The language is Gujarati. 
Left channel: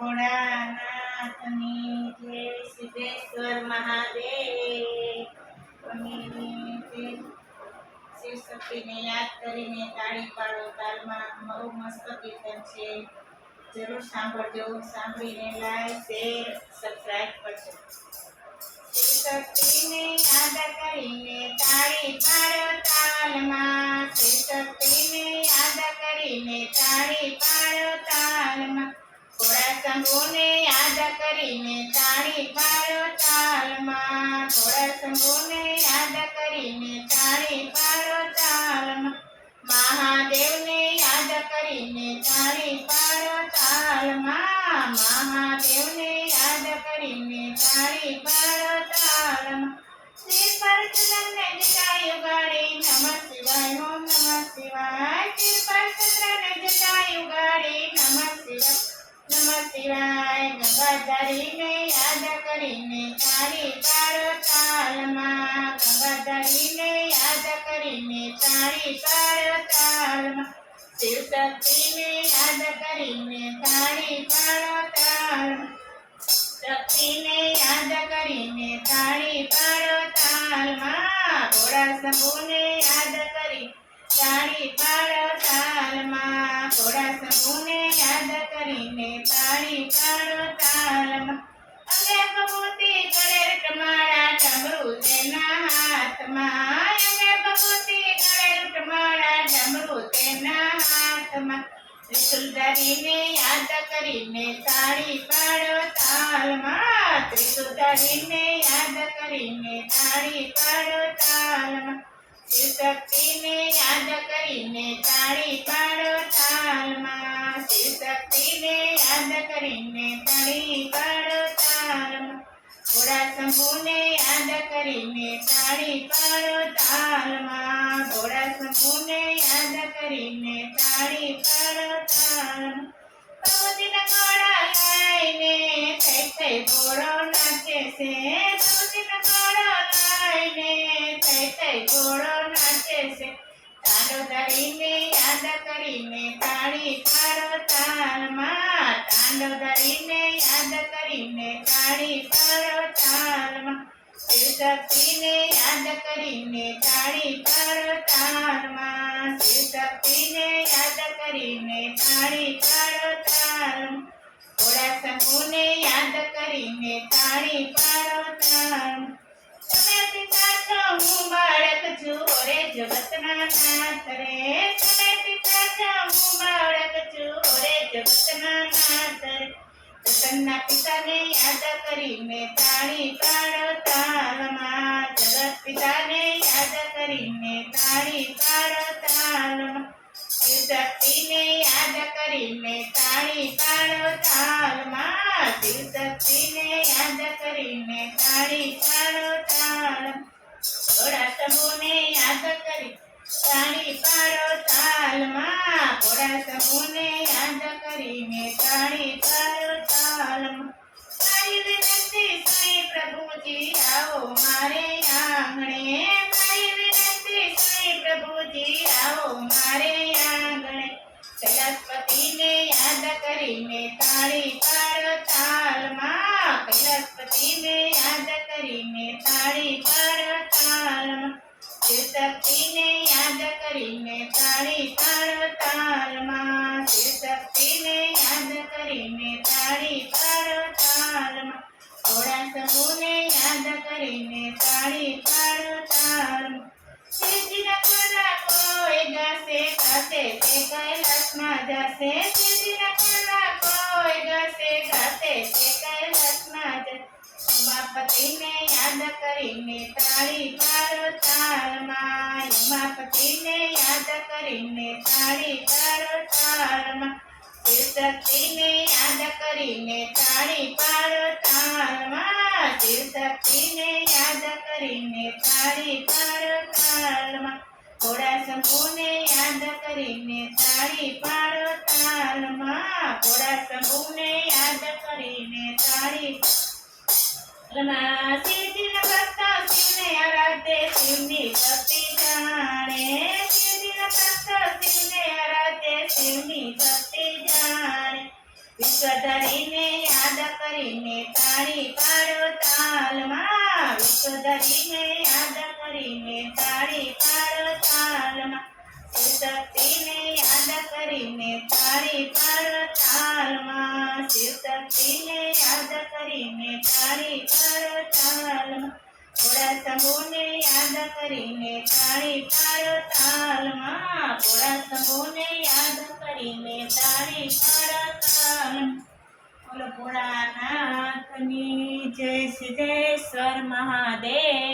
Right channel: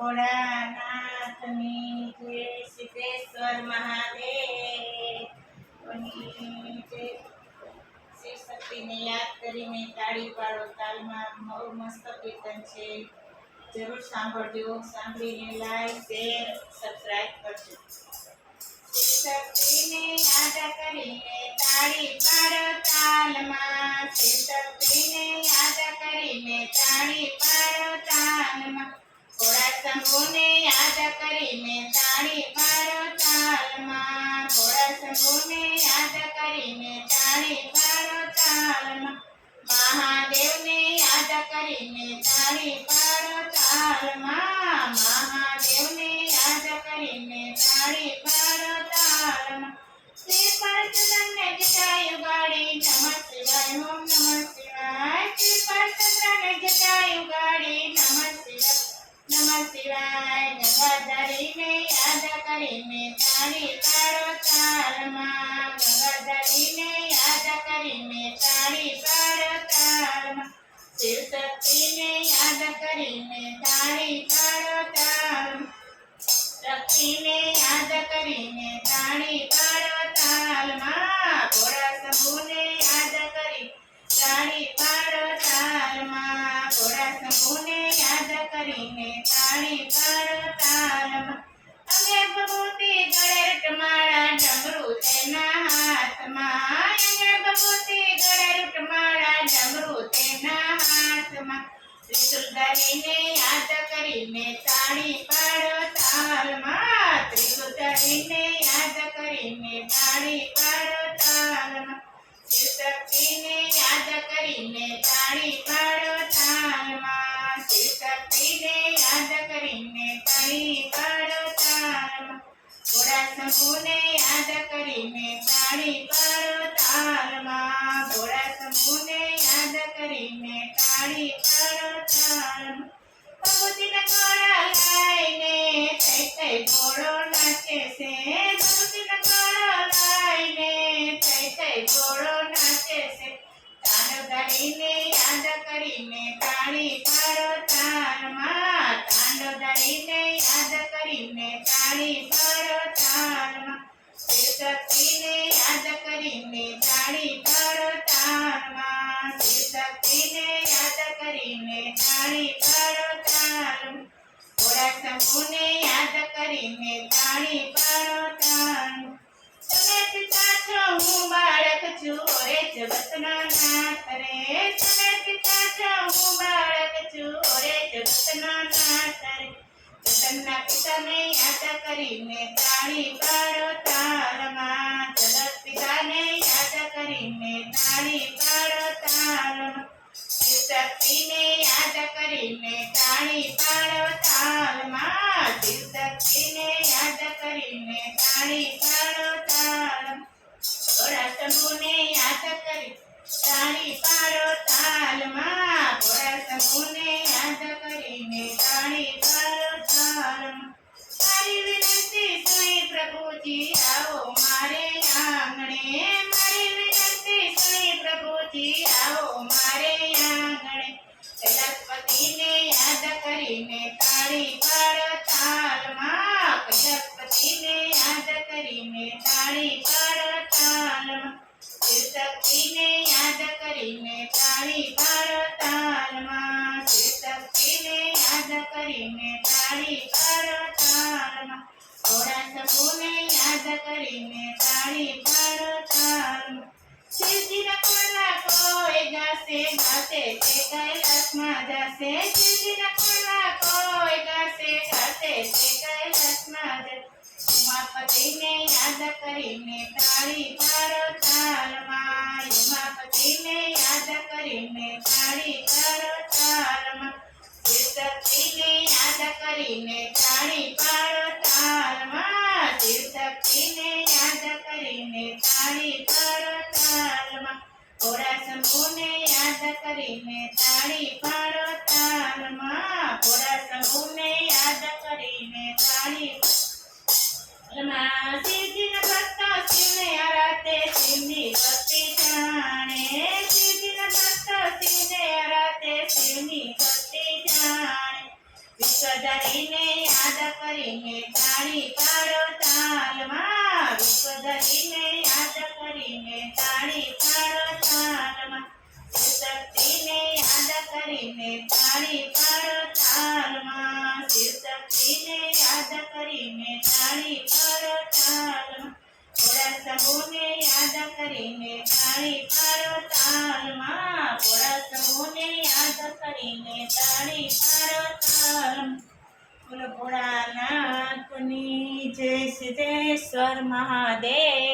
ભોળાનાથની જય, સિદ્ધેશ્વર મહાદેવની જય। શિવ શક્તિને યાદ કરીને તાળી પાડો તાલમાં બહુ મસ્ત કીર્તન છે, જરૂર સાંભળજો। સાંભળીને લાઈક શેર સબસ્ક્રાઇબ કરજો। શિવ શક્તિને યાદ કરીને તાળી પાડો તાલમાં, શિવ શક્તિને યાદ કરીને તાળી પાડો તાલમાં, ભોળા શંભુને યાદ કરીને તાળી પાડો તાલમાં, ભોળા શંભુને યાદ કરીને તાળી પાડો તાલમાં, મહાદેવને યાદ કરીને તાળી પાડો તાલમાં, મહાદેવને યાદ કરીને તાળી પાડો તાલમાં, શ્રી પરચંદ્રને જટાયુ ગાડી નમઃ શિવાય ઓમ નમઃ શિવાય, શ્રી પરચંદ્રને જટાયુ ગાડી નમઃ શિવાય નમઃ શિવાય, ગંગાધરીને યાદ કરીને તાળી પાડો તાલમાં, ગંગાધરીને યાદ કરીને તાળી પાડો તાલમાં, શિવ શક્તિને યાદ કરીને તાળી પાડો તાલમાં, શક્તિને યાદ કરીને તાળી પાડો તાલમાં, ભોળા શંભુને યાદ કરી તાળી પાડો તાલમાં, ભોળા શંભુને યાદ કરીને તાળી પાડો તાલમાં, અંગે ભભૂતિ ગળે રૂટમાળા ડમરૂ તેના હાથમાં, અંગે ભભૂતિ ગળે રૂટમાળા ડમરૂ તેના હાથમાં, ત્રિશુલ ધરીને યાદ કરીને તાળી પાડો તાલમાં, ત્રિશુલ ધરીને યાદ કરીને તાળી પાડો તાલમાં, શિવ શક્તિને યાદ કરીને તાળી પાડો તાલમાં, શિવ શક્તિને યાદ કરીને તાળી પાડો તાલમાં, ભોળા શંભુને યાદ કરીને તાળી પાડો તાલમાં, ભોળા શંભુને યાદ કરીને તાળી પાડો તાલમાં, ભગવતીના કોળા લાઈને થઈ થઈ ઘોડો નાચે છે, ભગવતીના કોળા લાઈને થઈ થઈ ઘોડો નાચે છે, તાંડવ ધરીને યાદ કરીને તાળી પાડો તાલમાં, તાંડવ ધરીને યાદ કરીને તાળી પાડો તાલમાં, શિવ શક્તિને યાદ કરીને તાળી પાડો તાલમાં, શિવ શક્તિને યાદ કરીને તાળી પાડો તાલમાં, ભોળા શંભુને યાદ કરીને તાળી પાડો તાલમાં, તમે પિતા છો હું બાળક છું રે જગતના નાથ રે, તમે પિતા છો હું બાળક છું રે જગતના નાથ રે, જગતના પિતાને યાદ કરીને તાળી પાડો તાલમાં, જગત પિતાને યાદ કરીને તાળી પાડો તાલમાં, શિવ શક્તિને યાદ કરીને તાળી પાડો તાલમાં, શિવ શક્તિને યાદ કરીને તાળી પાડો તાલમાં, ભોળા શંભુને યાદ કરી તાળી પાડો તાલમાં, ભોળા શંભુને યાદ કરીને તાળી પાડો તાલમાં, મારી વિનંતી સુણી પ્રભુજી આવો મારે આંગણે, મારી વિનંતી સુણી પ્રભુજી આવો મારે આંગણે, કૈલાસપતિને યાદ કરીને તાળી પાડો તાલમાં, કૈલાસપતિને યાદ કરીને તાળી પાડો તાલમાં, શિવ શક્તિને યાદ કરીને તાળી પાડો તાલમાં, શિવ શક્તિને યાદ કરીને તાળી પાડો તાલમાં, ભોળા શંભુને યાદ કરીને તાળી પાડો તાલમાં, શિવજીના કુળના કોઈ ગાશે ગાશે તે કૈલાસમાં જશે, શિવજીના કુળના કોઈ ગાશે ગાશે તે કૈલાસમાં જશે, ઉમાપતિને યાદ કરીને તાળી પાડો તાલમાં, ઉમાપતિને યાદ કરીને તાળી પાડો તાલમાં, શિવ શક્તિને યાદ કરીને તાળી પાડો તાલમાં, શિવ શક્તિને યાદ કરીને તાળી પાડો તાલમાં, ભોળા શંભુને યાદ કરીને તાળી પાડો તાલમાં, ભોળા શંભુને યાદ કરીને તાળી શિવજીના ભક્ત શિવને આરાધે શિવની ભક્તિ જાણે, શિવજીના ભક્ત શિવને આરાધે શિવની ભક્તિ જાણે, વિશ્વધરી ધરીને યાદ કરીને તાળી પાડો તાલમાં વિશ્વ ધરીને યાદ કરીને તાળી પાડો તાલમાં શિવશક્તિને યાદ કરીને તાળી પાડો તાલમાં શિવશક્તિને યાદ કરીને તાળી પાડો તાલમાં ભોળા શંભુને યાદ કરીને તાળી પાડો તાલમાં ભોળા શંભુને યાદ કરીને તાળી પાડો તાલમાં બોલો ભોળાનાથની જય સિદ્ધેશ્વર મહાદેવની